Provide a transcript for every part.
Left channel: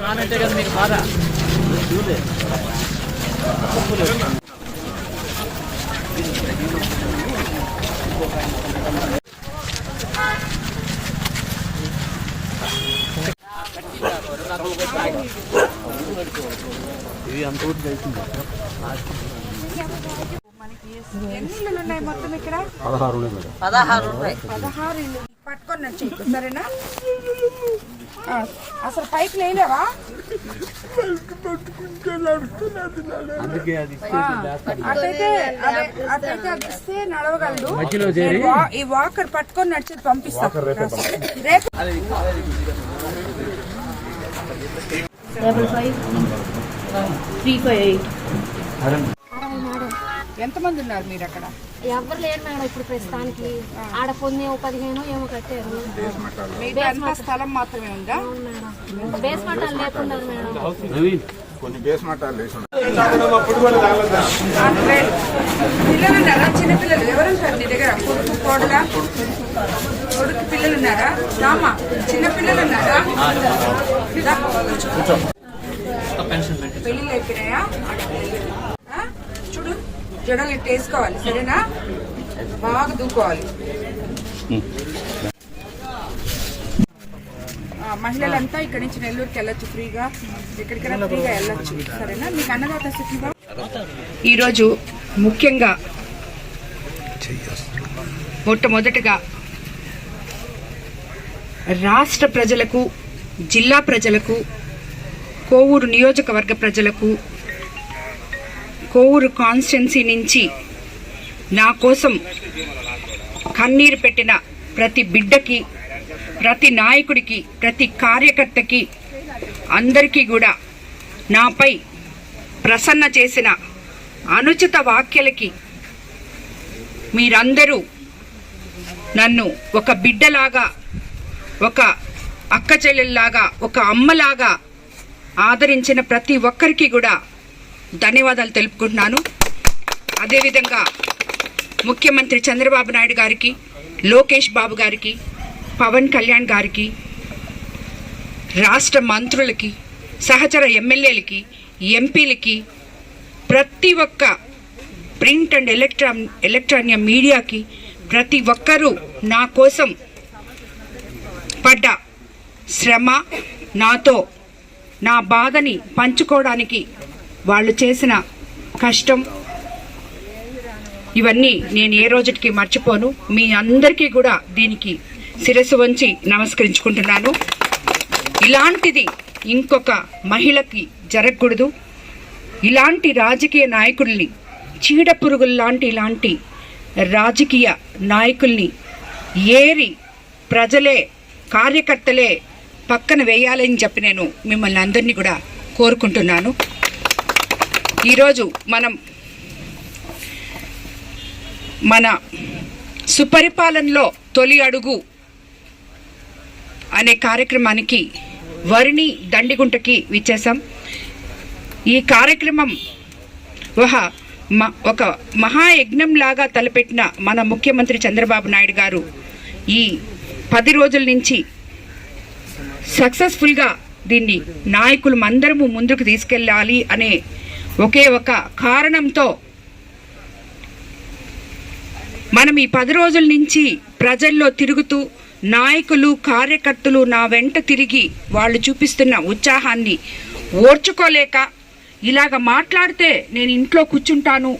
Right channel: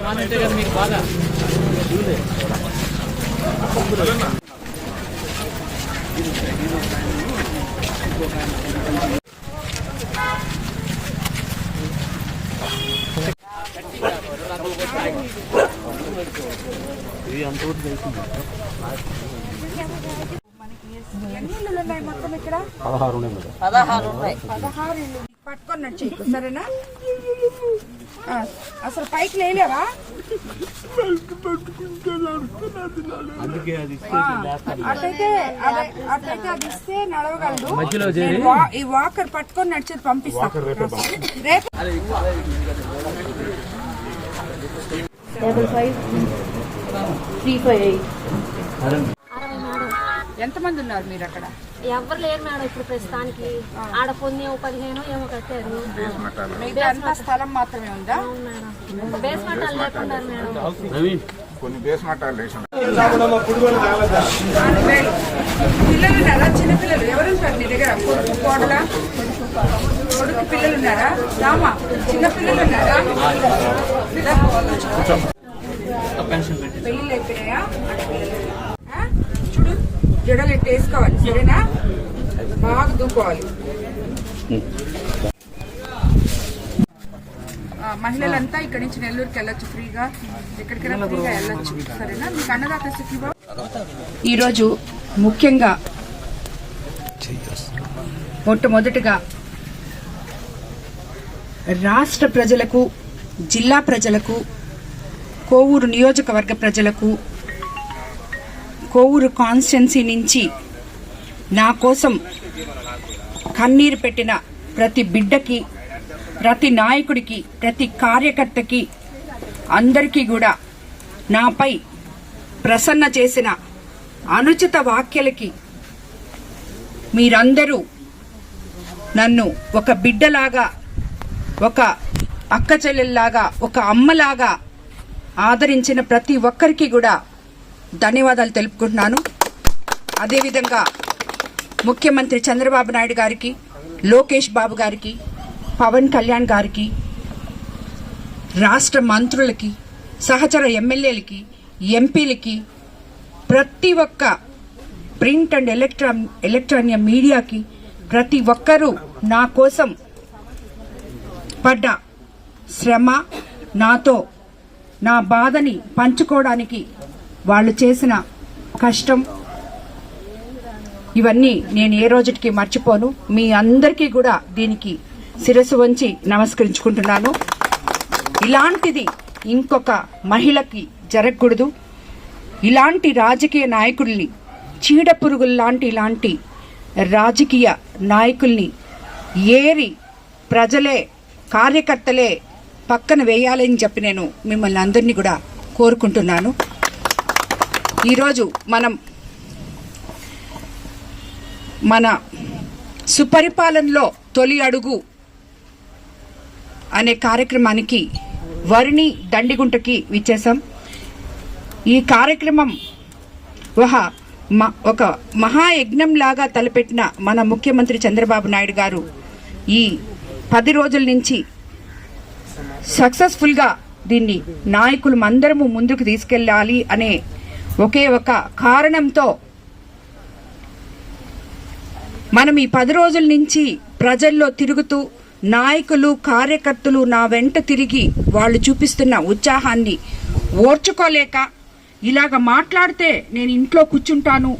మనకి ఎన్ని ఇల్లులు ఉన్నాయి మొత్తం ఇక్కడ పదహారు ఉన్నాయి మేడం. పదహారు ఉన్నాయి. పదహారు ఇల్లు. పట్టుకొని నడిచేయకు సరేనా? ఆ, అసలు పైకి లేలేవా? ఆ, అటైతే అదే- ఇస్తే నడవగలడు. ఈ వాకర్ పట్టుకొని నడిచేది పంపిస్తాను. రేపు double five three five eight ఎంతమంది ఉన్నారు మీరు అక్కడ ఎవరు లేరు మేడం ఇప్పుడు ప్రస్తుతానికి ఆడ కొన్ని పదిహేను ఏమో కట్టారు మిగతా స్థలం మాత్రమే ఉందా మేడం బేస్మెంట్ వాళ్ళు లేకున్నారు మేడం కొన్ని బేస్ వేసి ఆంధ్రాలో. పిల్లలు ఉన్నారా చిన్న పిల్లలు ఎవరు ఉంటారు నీ దగ్గర కొడుకు కోడల కొడుకు పిల్లలు ఉన్నారా రామా చిన్న పిల్లలు ఉన్నారా. పెళ్ళిళ్ళు అయిపోయినాయా? చూడు జడలు ఎట్టు వేసుకోవాలి సరేనా? బాగా దూకోవాలి. మహిళలంతా ఇక్కడి నుంచి నెల్లూరుకి వెళ్ళొచ్చు ఫ్రీగా. ఎక్కడికైనా ఫ్రీగా వెళ్ళొచ్చు సరేనా? మీకు అన్నదాత సుఖీభావ ఈరోజు ముఖ్యంగా మొట్టమొదటిగా రాష్ట్ర ప్రజలకు జిల్లా ప్రజలకు కోవూరు నియోజకవర్గ ప్రజలకు కోవూరు కాన్స్టెన్సీ నుంచి నా కోసం కన్నీరు పెట్టిన ప్రతి బిడ్డకి ప్రతి నాయకుడికి ప్రతి కార్యకర్తకి అందరికీ కూడా నాపై ప్రసన్న చేసిన అనుచిత వ్యాఖ్యలకి మీరందరూ నన్ను ఒక బిడ్డలాగా ఒక అక్క చెల్లెల్లాగా ఒక అమ్మలాగా ఆదరించిన ప్రతి ఒక్కరికి కూడా ధన్యవాదాలు తెలుపుకుంటున్నాను. అదేవిధంగా ముఖ్యమంత్రి చంద్రబాబు నాయుడు గారికి లోకేష్ బాబు గారికి పవన్ కళ్యాణ్ గారికి రాష్ట్ర మంత్రులకి సహచర ఎమ్మెల్యేలకి ఎంపీలకి ప్రతి ఒక్క ప్రింట్ అండ్ ఎలక్ట్రాన్ ఎలక్ట్రానిక్ మీడియాకి ప్రతి ఒక్కరూ నా కోసం పడ్డ శ్రమ నాతో నా బాధని పంచుకోవడానికి వాళ్ళు చేసిన కష్టం. ఇవన్నీ నేను ఏ రోజుకి మర్చిపోను. మీ అందరికీ కూడా దీనికి శిరస్సు వంచి నమస్కరించుకుంటున్నాను. ఇలాంటిది ఇంకొక మహిళకి జరగకూడదు. ఇలాంటి రాజకీయ నాయకుల్ని చీడ పురుగుల్లాంటి ఇలాంటి రాజకీయ నాయకుల్ని ఏరి ప్రజలే కార్యకర్తలే పక్కన వేయాలని చెప్పి నేను మిమ్మల్ని అందరినీ కూడా కోరుకుంటున్నాను. ఈరోజు మనం మన సుపరిపాలనలో తొలి అడుగు అనే కార్యక్రమానికి వరిని దండిగుంటకి విచ్చేసాం ఈ కార్యక్రమం ఒక మ- ఒక మహాయజ్ఞం లాగా తలపెట్టిన మన ముఖ్యమంత్రి చంద్రబాబు నాయుడు గారు ఈ పది రోజుల నుంచి సక్సెస్ఫుల్గా దీన్ని నాయకులు అందరము ముందుకు తీసుకెళ్ళాలి అనే ఒకే ఒక కారణంతో మనం ఈ పది రోజుల నుంచి ప్రజల్లో తిరుగుతూ నాయకులు కార్యకర్తలు నా వెంట తిరిగి వాళ్ళు చూపిస్తున్న ఉత్సాహాన్ని ఓర్చుకోలేక ఇలాగ మాట్లాడితే నేను ఇంట్లో కూర్చుంటాను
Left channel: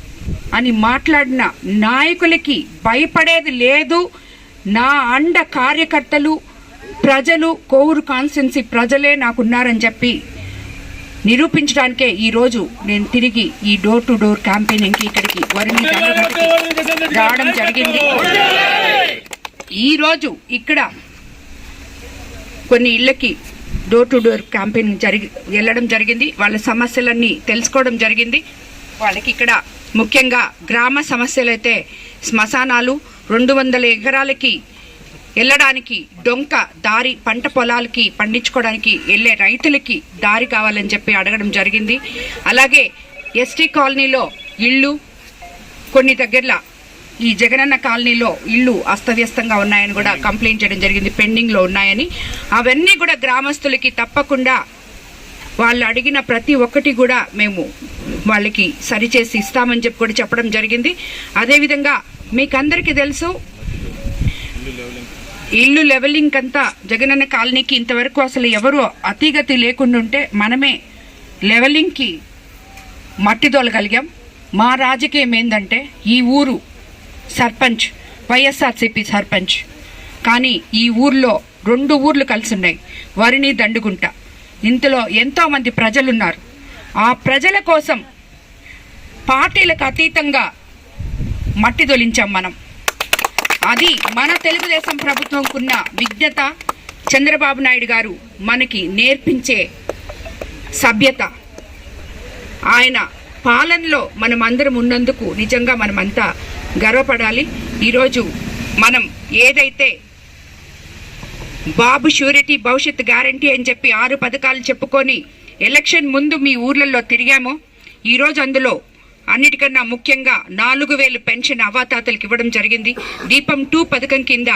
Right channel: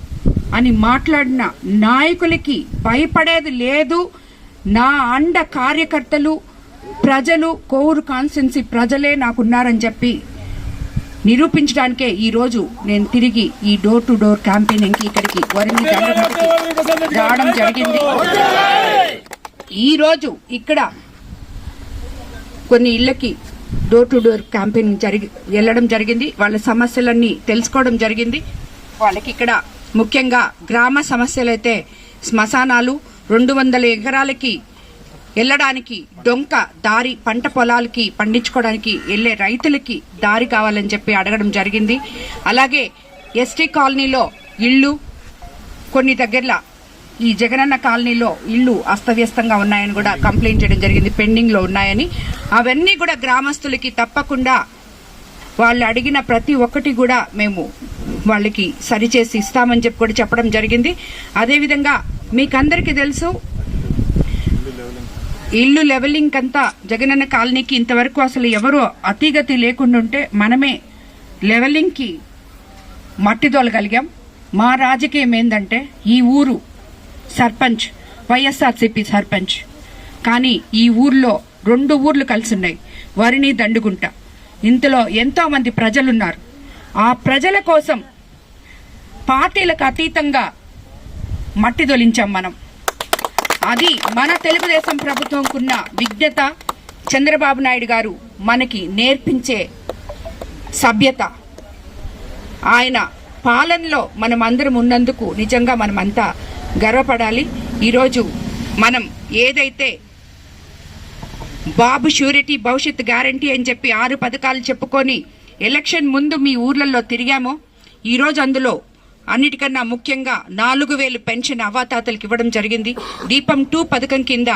అని మాట్లాడిన నాయకులకి భయపడేది లేదు. నా అండ కార్యకర్తలు ప్రజలు కోవూరు కాన్స్టిట్యున్సీ ప్రజలే నాకున్నారని చెప్పి నిరూపించడానికే ఈ రోజు నేను తిరిగి ఈ డోర్ టు డోర్ క్యాంపెయినింగ్కి ఇక్కడికి వరిని రావడం జరిగింది. ఈరోజు ఇక్కడ కొన్ని ఇళ్ళకి డోర్ టు డోర్ క్యాంపెయిన్ జరిగి వెళ్ళడం జరిగింది. వాళ్ళ సమస్యలన్నీ తెలుసుకోవడం జరిగింది. వాళ్ళకి ఇక్కడ ముఖ్యంగా గ్రామ సమస్యలైతే శ్మశానాలు రెండు వందల ఎకరాలకి వెళ్ళడానికి డొంక దారి పంట పొలాలకి పండించుకోవడానికి వెళ్ళే రైతులకి దారి కావాలని చెప్పి అడగడం జరిగింది. అలాగే ఎస్టీ కాలనీలో ఇళ్ళు కొన్ని దగ్గరలో ఈ జగనన్న కాలనీలో ఇళ్ళు అస్తవ్యస్తంగా ఉన్నాయని కూడా కంప్లైంట్ చేయడం జరిగింది పెండింగ్లో ఉన్నాయని. అవన్నీ కూడా గ్రామస్తులకి తప్పకుండా వాళ్ళు అడిగిన ప్రతి ఒక్కటి కూడా మేము వాళ్ళకి సరిచేసి ఇస్తామని చెప్పి కూడా చెప్పడం జరిగింది. అదేవిధంగా మీకందరికీ తెలుసు ఇల్లు లెవెలింగ్ అంతా జగనన్న కాలనీకి ఇంతవరకు అసలు ఎవరు అతిగతి లేకుండా ఉంటే మనమే లెవెలింగ్కి మట్టి తోలగలిగాం మా రాజకీయం ఏంటంటే ఈ ఊరు సర్పంచ్ వైఎస్ఆర్సీపీ సర్పంచ్. కానీ ఈ ఊర్లో రెండు ఊర్లు కలిసి ఉన్నాయి. వరిని దండుగుంట. ఇంతలో ఎంతోమంది ప్రజలున్నారు. ఆ ప్రజల కోసం పార్టీలకు అతీతంగా మట్టిదొలించాం మనం. అది మన తెలుగుదేశం ప్రభుత్వంకున్న విజ్ఞత చంద్రబాబు నాయుడు గారు మనకి నేర్పించే సభ్యత. ఆయన పాలనలో మనం అందరం ఉన్నందుకు నిజంగా మనమంతా గర్వపడాలి. ఈరోజు మనం ఏదైతే బాబు షూరిటీ భవిష్యత్ గ్యారంటీ అని చెప్పి ఆరు పథకాలు చెప్పుకొని ఎలక్షన్ ముందు మీ ఊర్లలో తిరిగామో ఈరోజు అందులో అన్నిటికన్నా ముఖ్యంగా నాలుగు వేలు పెన్షన్ అవాతాతలకు ఇవ్వడం జరిగింది. దీపం టూ పథకం కింద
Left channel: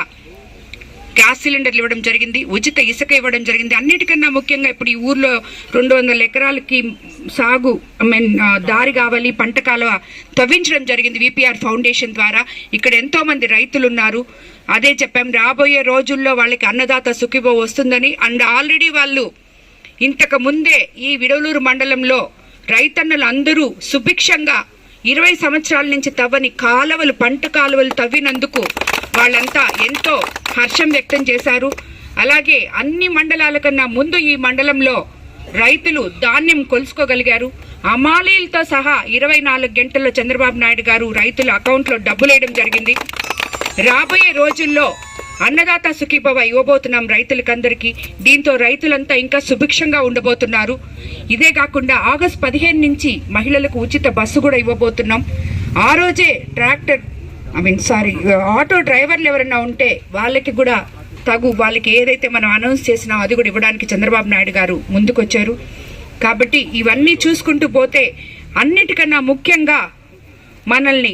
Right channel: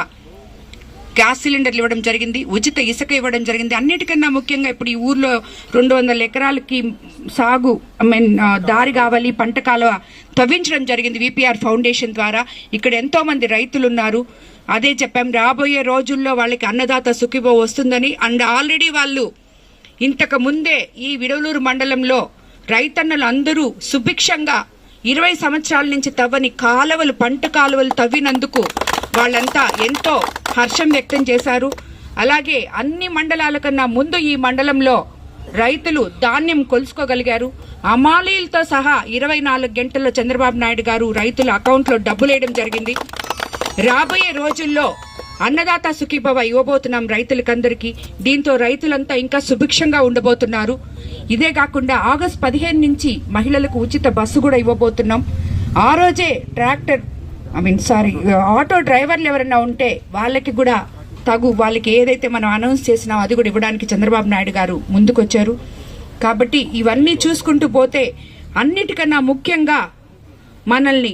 గ్యాస్ సిలిండర్లు ఇవ్వడం జరిగింది. ఉచిత ఇసుక ఇవ్వడం జరిగింది. అన్నిటికన్నా ముఖ్యంగా ఇప్పుడు ఈ ఊర్లో రెండు వందల ఎకరాలకి సాగు ఐ మీన్ దారి కావాలి పంట కాలువ తవ్వించడం జరిగింది విపిఆర్ ఫౌండేషన్ ద్వారా. ఇక్కడ ఎంతో మంది రైతులు ఉన్నారు అదే చెప్పాం రాబోయే రోజుల్లో వాళ్ళకి అన్నదాత సుఖిబో వస్తుందని. అండ్ ఆల్రెడీ వాళ్ళు ఇంతకు ముందే ఈ విడవలూరు మండలంలో రైతన్నలు అందరూ సుభిక్షంగా ఇరవై సంవత్సరాల నుంచి తవ్వని కాలువలు పంట కాలువలు తవ్వినందుకు వాళ్ళంతా ఎంతో హర్షం వ్యక్తం చేశారు. అలాగే అన్ని మండలాల కన్నా ముందు ఈ మండలంలో రైతులు ధాన్యం కొలుసుకోగలిగారు. అమాలీలతో సహా ఇరవై నాలుగు గంటల్లో చంద్రబాబు నాయుడు గారు రైతుల అకౌంట్లో డబ్బులేయడం జరిగింది. రాబోయే రోజుల్లో అన్నదాత సుఖీభవ ఇవ్వబోతున్నాం రైతులకందరికీ. దీంతో రైతులంతా ఇంకా సుభిక్షంగా ఉండబోతున్నారు. ఇదే కాకుండా ఆగస్ట్ పదిహేను నుంచి మహిళలకు ఉచిత బస్సు కూడా ఇవ్వబోతున్నాం. ఆ రోజే tractor I mean sorry auto డ్రైవర్లు ఎవరైనా ఉంటే వాళ్ళకి కూడా తగు వాళ్ళకి ఏదైతే మనం అనౌన్స్ చేసినామో అది కూడా ఇవ్వడానికి చంద్రబాబు నాయుడు గారు ముందుకొచ్చారు. కాబట్టి ఇవన్నీ చూసుకుంటూ పోతే అన్నిటికన్నా ముఖ్యంగా మనల్ని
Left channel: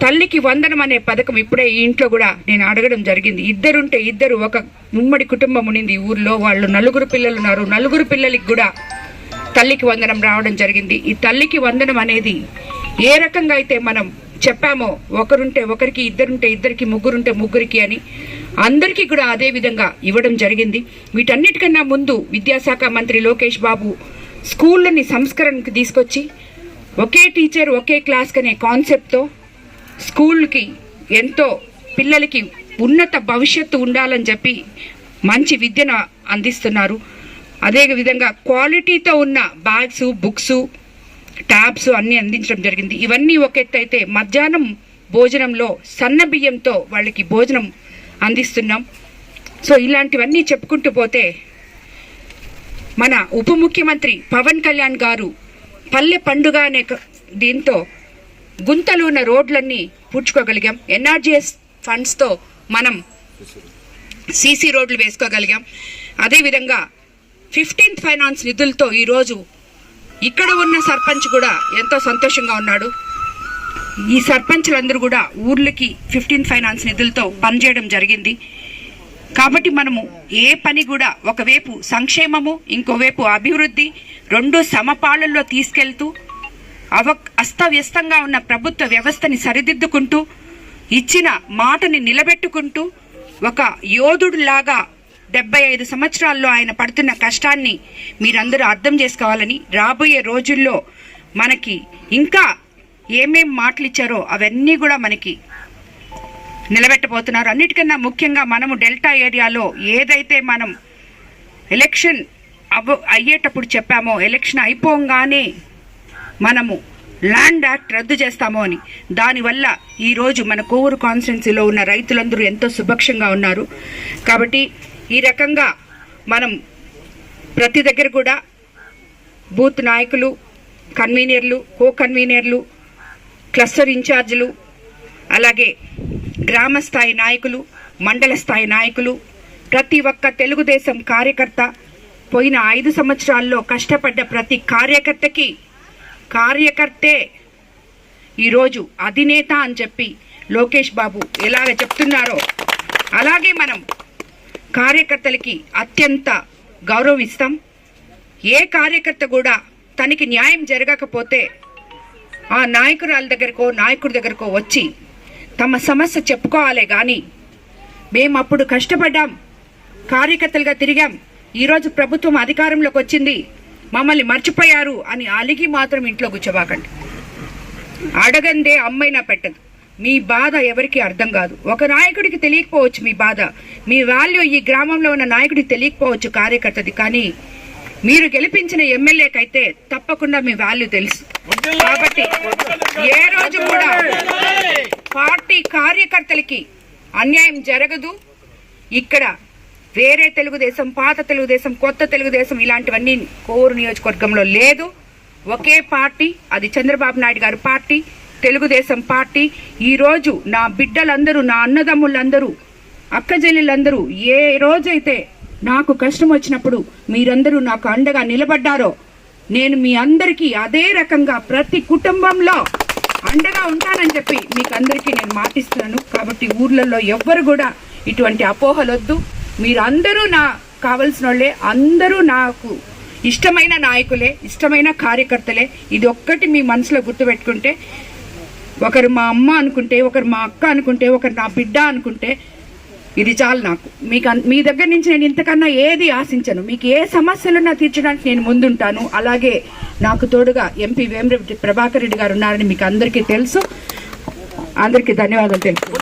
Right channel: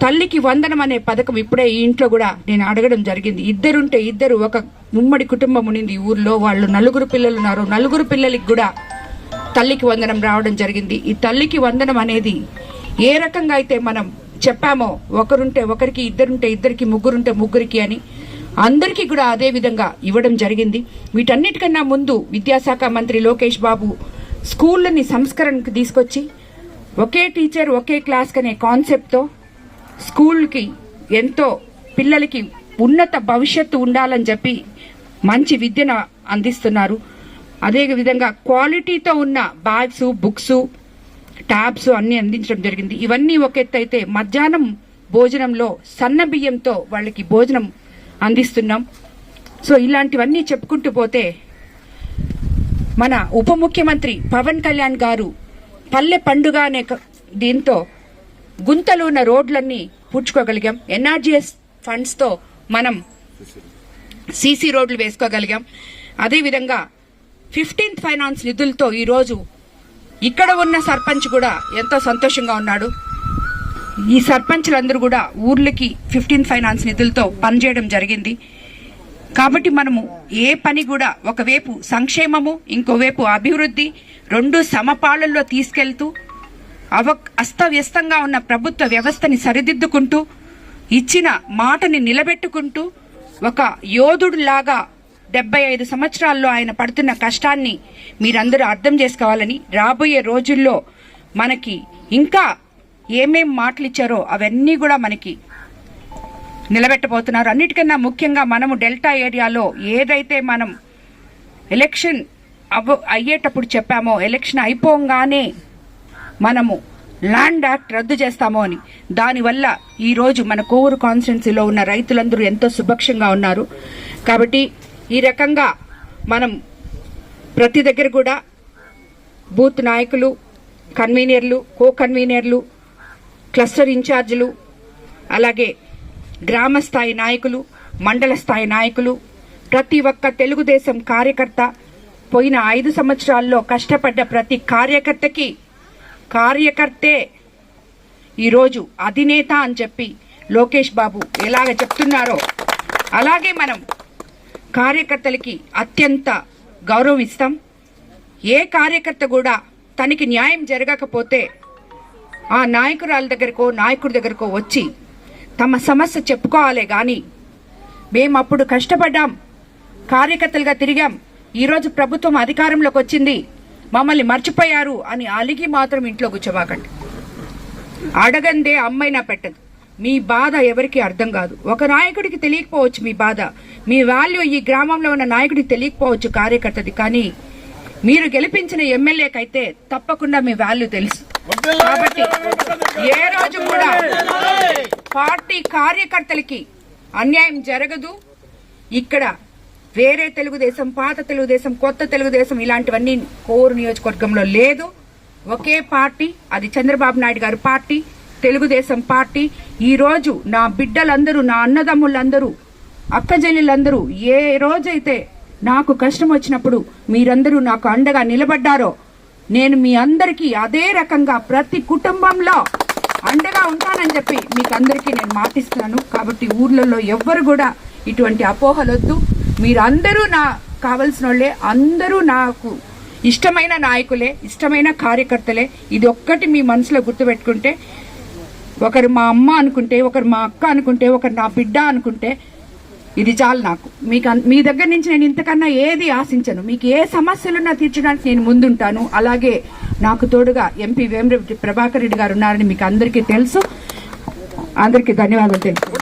తల్లికి వందనం అనే పథకం ఇప్పుడే ఈ ఇంట్లో కూడా నేను అడగడం జరిగింది. ఇద్దరుంటే ఇద్దరు ఒక ఉమ్మడి కుటుంబం ఉండింది ఊర్లో వాళ్ళు నలుగురు పిల్లలు ఉన్నారు. నలుగురు పిల్లలకి కూడా తల్లికి వందనం రావడం జరిగింది. ఈ తల్లికి వందనం అనేది ఏ రకంగా అయితే మనం చెప్పామో ఒకరుంటే ఒకరికి ఇద్దరుంటే ఇద్దరికి ముగ్గురుంటే ముగ్గురికి అని అందరికీ కూడా అదే విధంగా ఇవ్వడం జరిగింది. వీటన్నిటికన్నా ముందు విద్యాశాఖ మంత్రి లోకేష్ బాబు స్కూళ్ళని సంస్కరణకు తీసుకొచ్చి ఒకే టీచర్ ఒకే క్లాస్ అనే కాన్సెప్ట్తో స్కూల్కి ఎంతో పిల్లలకి ఉన్నత భవిష్యత్తు ఉండాలని చెప్పి మంచి విద్యను అందిస్తున్నారు. అదే విధంగా క్వాలిటీతో ఉన్న బ్యాగ్స్ బుక్స్ ట్యాబ్స్ అన్నీ అందించడం జరిగింది. ఇవన్నీ ఒక ఎత్తు అయితే మధ్యాహ్నం భోజనంలో సన్న బియ్యంతో వాళ్ళకి భోజనం అందిస్తున్నాం. సో ఇలాంటివన్నీ చెప్పుకుంటూ పోతే మన ఉప ముఖ్యమంత్రి పవన్ కళ్యాణ్ గారు పల్లె పండుగ అనే క- దీంతో గుంతలు ఉన్న రోడ్లన్నీ పూడ్చుకోగలిగాం. ఎన్ఆర్జీఎస్ ఫండ్స్తో మనం సీసీ రోడ్లు వేసుకోగలిగాం. అదేవిధంగా ఫిఫ్టీన్త్ ఫైనాన్స్ నిధులతో ఈరోజు ఇక్కడ ఉన్న సర్పంచ్ కూడా ఎంతో సంతోషంగా ఉన్నాడు. ఈ సర్పంచ్లందరూ కూడా ఊర్లకి ఫిఫ్టీన్త్ ఫైనాన్స్ నిధులతో పనిచేయడం జరిగింది. కాబట్టి మనము ఏ పని కూడా ఒకవైపు సంక్షేమము ఇంకోవైపు అభివృద్ధి రెండు సమపాలల్లో తీసుకెళ్తూ అవ అస్తవ్యస్తంగా ఉన్న ప్రభుత్వ వ్యవస్థని సరిదిద్దుకుంటూ ఇచ్చిన మాటని నిలబెట్టుకుంటూ ఒక యోధుడులాగా డెబ్బై ఐదు సంవత్సరాల్లో ఆయన పడుతున్న కష్టాన్ని మీరందరూ అర్థం చేసుకోవాలని రాబోయే రోజుల్లో మనకి ఇంకా ఏమేం మాటలు ఇచ్చారో అవన్నీ కూడా మనకి నిలబెట్టబోతున్నారు. అన్నిటికన్నా ముఖ్యంగా మనము డెల్టా ఏరియాలో ఏదైతే మనం ఎలక్షన్ అవ్వ అయ్యేటప్పుడు చెప్పామో ఎలక్షన్ అయిపోగానే మనము ల్యాండ్ యాక్ట్ రద్దు చేస్తామో అని. దానివల్ల ఈరోజు మన కోవూరు కాన్స్టిట్యున్సీలో ఉన్న రైతులందరూ ఎంతో సుభక్షంగా ఉన్నారు. కాబట్టి ఈ రకంగా మనం ప్రతి దగ్గర కూడా బూత్ నాయకులు కన్వీనర్లు కో కన్వీనర్లు క్లస్టర్ ఇన్ఛార్జీలు అలాగే గ్రామ స్థాయి నాయకులు మండల స్థాయి నాయకులు ప్రతి ఒక్క తెలుగుదేశం కార్యకర్త పోయిన ఐదు సంవత్సరాల్లో కష్టపడ్డ ప్రతి కార్యకర్తకి కార్యకర్తే. ఈరోజు అధినేత అని చెప్పి లోకేష్ బాబు ఎలాగ చెప్తున్నారో అలాగే మనం కార్యకర్తలకి అత్యంత గౌరవం ఇస్తాం ఏ కార్యకర్త కూడా తనకి న్యాయం జరగకపోతే ఆ నాయకురాల దగ్గరకో నాయకుడి దగ్గరకో వచ్చి తమ సమస్య చెప్పుకోవాలే కానీ మేము అప్పుడు కష్టపడ్డాం కార్యకర్తలుగా తిరిగాం. ఈరోజు ప్రభుత్వం అధికారంలోకి వచ్చింది. మమ్మల్ని మర్చిపోయారు అని అలిగి మాత్రం ఇంట్లో కూర్చోబాకండి అడగందే అమ్మైనా పెట్టదు. మీ బాధ ఎవరికి అర్థం కాదు. ఒక నాయకుడికి తెలియకపోవచ్చు మీ బాధ. మీ వాల్యూ ఈ గ్రామంలో ఉన్న నాయకుడికి తెలియకపోవచ్చు కార్యకర్తది. కానీ మీరు గెలిపించిన ఎమ్మెల్యేకైతే తప్పకుండా మీ వాల్యూ తెలుసు. కాబట్టి ఏ రోజు కూడా పార్టీ కార్యకర్తలకి అన్యాయం జరగదు. ఇక్కడ వేరే తెలుగుదేశం పాత తెలుగుదేశం కొత్త తెలుగుదేశం ఇలాంటివన్నీ కోరు నియోజకవర్గంలో లేదు. ఒకే పార్టీ అది చంద్రబాబు నాయుడు గారి పార్టీ తెలుగుదేశం పార్టీ. ఈరోజు నా బిడ్డలందరూ నా అన్నదమ్ములందరూ అక్కజల్లులందరూ ఏ రోజైతే నాకు కష్టం వచ్చినప్పుడు మీరందరూ నాకు అండగా నిలబడ్డారో నేను మీ అందరికీ అదే రకంగా ప్రతి కుటుంబంలో అండగా ఉంటానని చెప్పి మీకు అందరికీ నేను మాటిస్తున్నాను. కాబట్టి ఊర్లలో ఎవ్వరు కూడా ఇటువంటి అపోహలొద్దు. మీరందరూ నా కావలసిన వాళ్ళే అందరూ నాకు ఇష్టమైన నాయకులే ఇష్టమైన కార్యకర్తలే. ఇది ఒక్కటి మీ మనసులో గుర్తుపెట్టుకుంటే ఒకరు మా అమ్మ అనుకుంటే ఒకరు మా అక్క అనుకుంటే ఒకరు నా బిడ్డ అనుకుంటే ఇది చాలు నాకు. మీకు మీ దగ్గర నుంచి నేను ఇంతకన్నా ఏది ఆశించను. మీకు ఏ సమస్యలున్నా తీర్చడానికి నేను ముందుంటాను. అలాగే నాకు తోడుగా ఎంపీ వేమిరెడ్డి ప్రభాకర్ రెడ్డి గారు ఉన్నారని మీకు అందరికీ తెలుసు. అందరికీ ధన్యవాదాలు తెలుసు